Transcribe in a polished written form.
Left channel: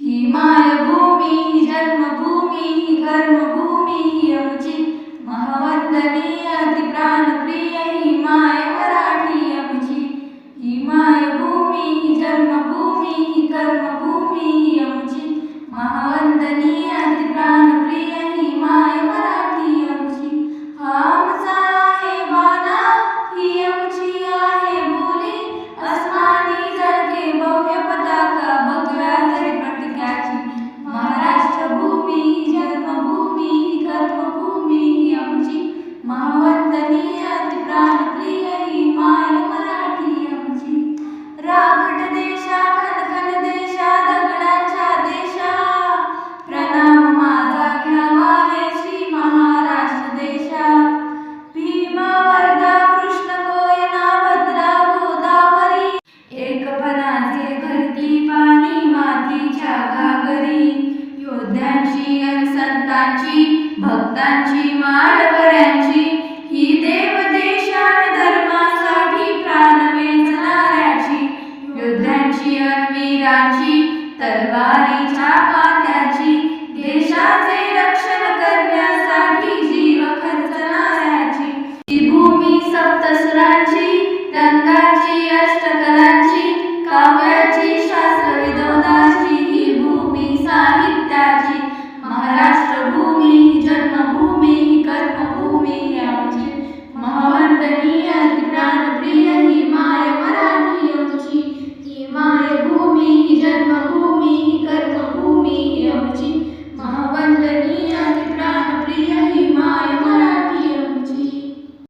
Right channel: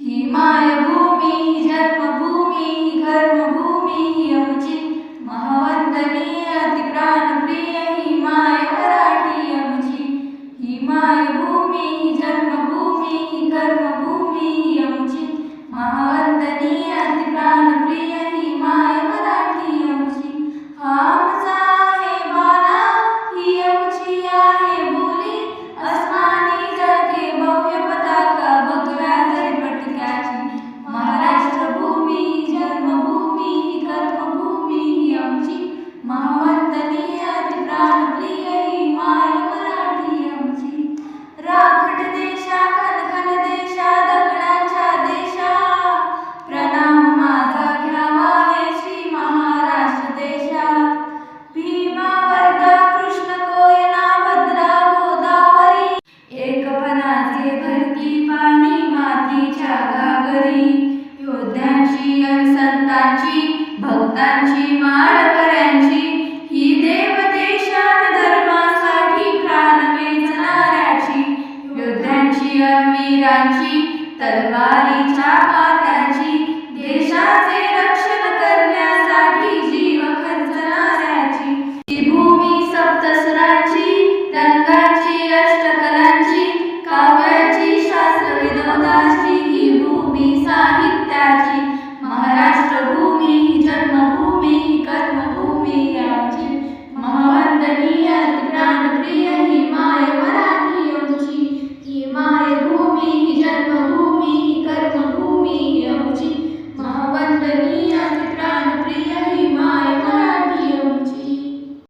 ही मायभूमी ही जन्मभूमी ही कर्मभूमी ही आमची महावंदनीय अति प्राणप्रिय ही माय मराठी आमची। ही मायभूमी ही जन्मभूमी ही कर्मभूमी ही आमची महावंदनीय अति प्राणप्रिय ही माय मराठी आमची। हा आमचा आहे बाणा ही आमची आहे बोली अस्मानी जळके भव्य पताका भगव्या जरीपटक्याची। महाराष्ट्र भूमी ही जन्मभूमी ही कर्मभूमी ही आमची महावंदनीय अति प्राणप्रिय ही माय मराठी आमची। राखट देशा खनखन देशा दगडांच्या देशा प्रणाम माझा घ्यावा हे श्री महाराष्ट्र देशा। भीमा वर्धा कृष्ण कोयना भद्रा गोदावरी एकपणाचे भरती पाणी मातीच्या घागरी। योद्ध्यांची अन संतांची भक्तांची माळकऱ्यांची ही देव देशान धर्मासाठी प्राण वेचणाऱ्याची। योद्ध्यांची अन वीरांची तलवारीच्या कात्याची देशाचे रक्षण करण्यासाठी जीव खर्चणाऱ्याची। ही भूमी सप्तस्वरांची रंगांची अष्टकलांची काव्य